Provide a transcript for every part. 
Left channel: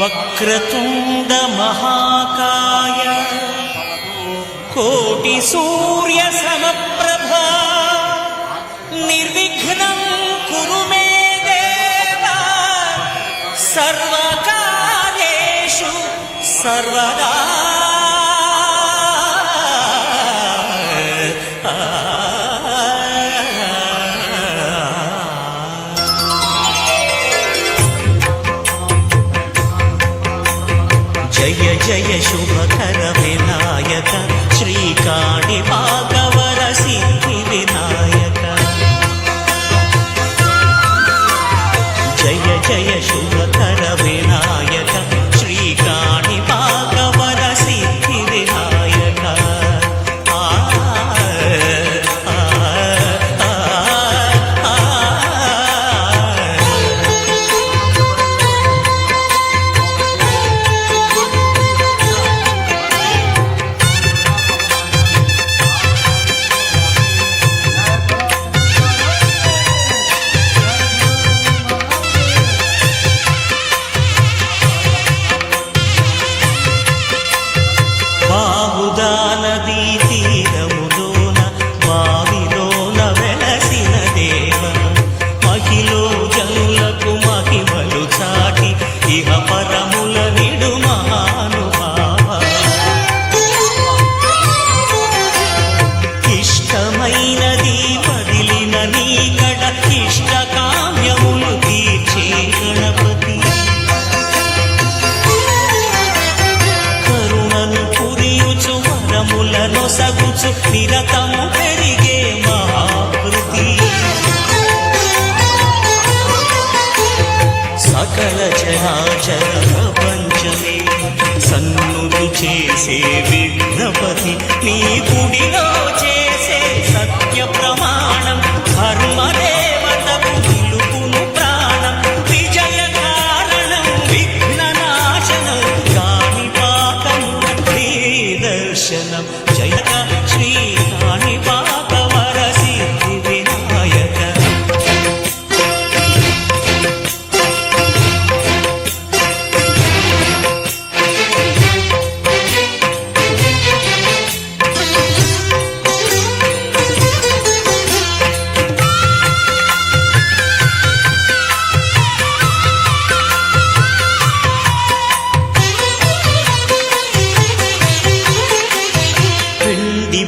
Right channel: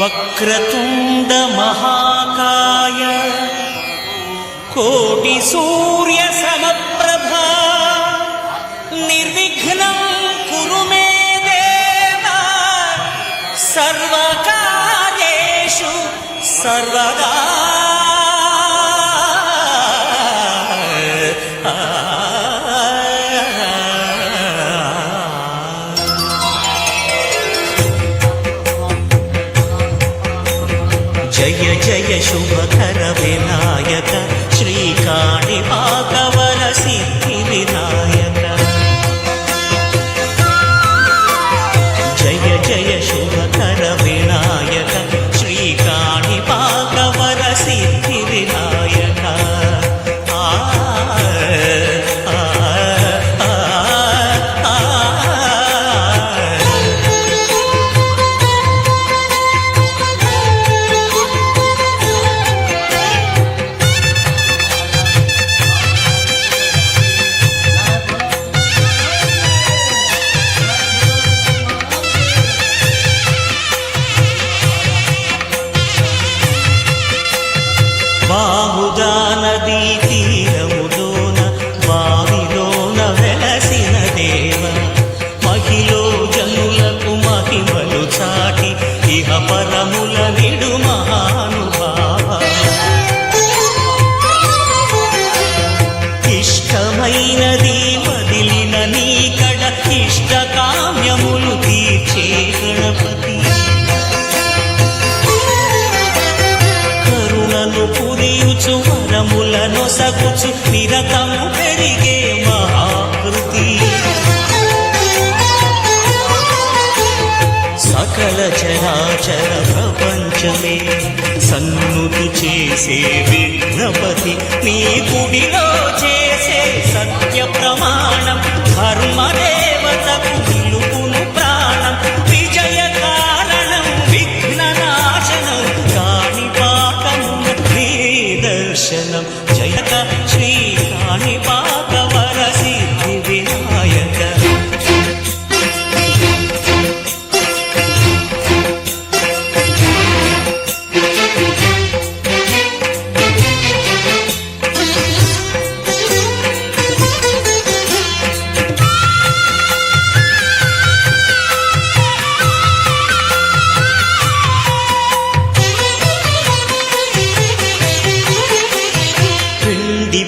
వక్రతుండ మహాకాయ కోటి సూర్య సమప్రభా నిర్విఘ్నం కురు మే దేవా సర్వకార్యేషు సర్వదా. జయ జయ శుభకర వినాయక శ్రీకాణిపాకవర సిద్ధి వినాయక. జయ జయ శుభకర వినాయక శ్రీకాణిపాకవర సిద్ధి వినాయక. బాహుదా నదీ తీరములోన బావిలోన వెలసిన దేవ మహిలో జనులకు మహిమలు చాటి ఇహ పరముల నిడు మహానుభావ. ఇష్టమైనది వదిలిన నీకడ ఇష్ట కామ్యములు తీర్చే గణపతి. కరుణను పురియుచు వరములను సగుచు నిరతము పెరిగే మహాకృతి. సకల చరాచర ప్రపంచమే సన్నుతు చేసే విఘ్నపతి. నీ గుడిలో చేసే సత్య ప్రమాణం ధర్మదేవతకు నిలుపును ప్రాణం. విజయ కారణం విఘ్న నాశనం కాణిపాకమున నీ దర్శనం. జయక శ్రీ కాణిపాకవర సిద్ధి వినాయక.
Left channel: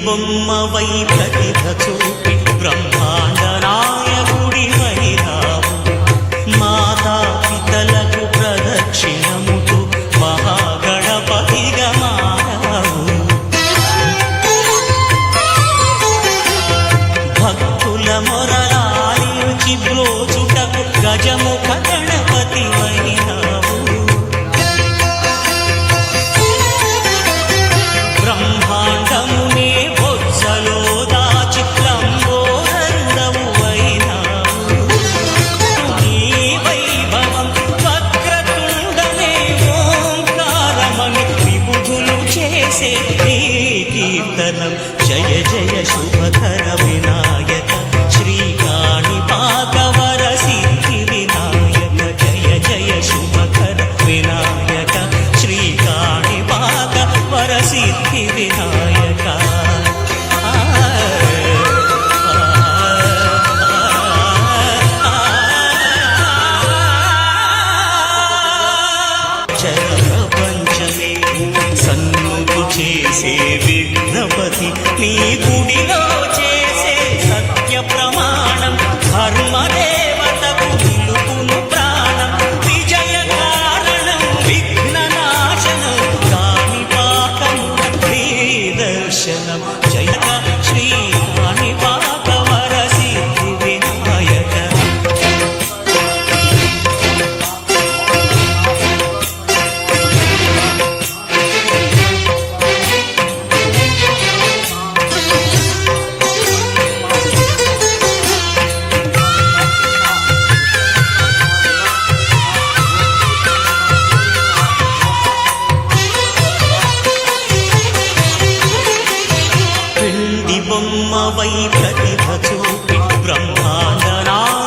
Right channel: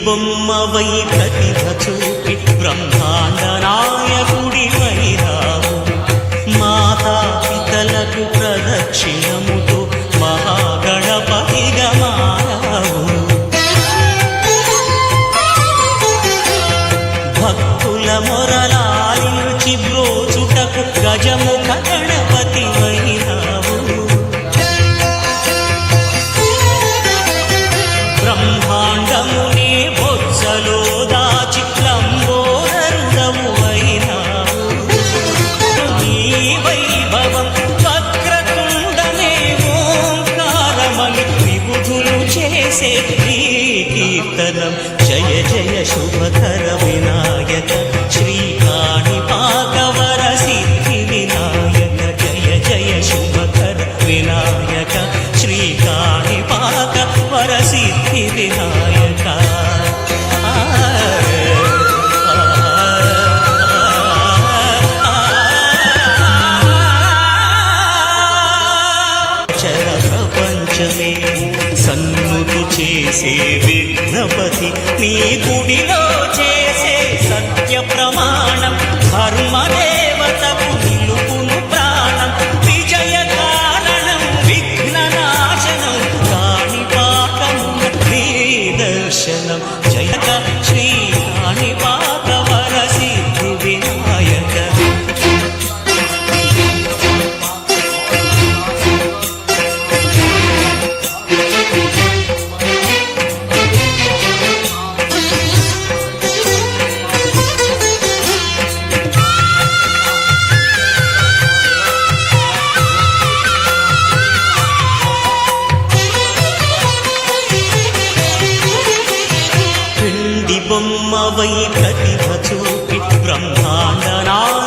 బొమ్మవై ప్రతిభ చూపి బ్రహ్మాండ నాయకుడి వైరావు. మాతా పితలకు ప్రదక్షిణముతో మహాగణపతిగా మారావు. భక్తుల మొరలాలిచి బ్రోచుటకు గజముఖ గణపతి వైరావు. బ్రహ్మాండమునే బొజ్జలో దాచి లంబోదరుడవు అయినావు. నీ వైభవం వక్రతుండమే ఓంకారమని విబుధులు చేసే నీ కీర్తనం. జయ జయ శుభకర వినాయక శ్రీకాణిపాకవర సిద్ధి వినాయక. జయ జయ శుభకర వినాయక శ్రీకాణిపాకవర సిద్ధి వినాయక. చర ప్రపంచమే సన్నుతు చేసే విఘ్నపతి. నీ గుడిలో చేసే సత్య ప్రమాణం ధర్మదేవతకు నిలుపును ప్రాణం. విజయ కారణం విఘ్న నాశనం కాణిపాకమున నీ దర్శనం. జయక శ్రీ కాణిపాకవర సిద్ధి వినాయక. బొమ్మ వై ప్రతిభ చూపి బ్రహ్మాండ నాయకుడవై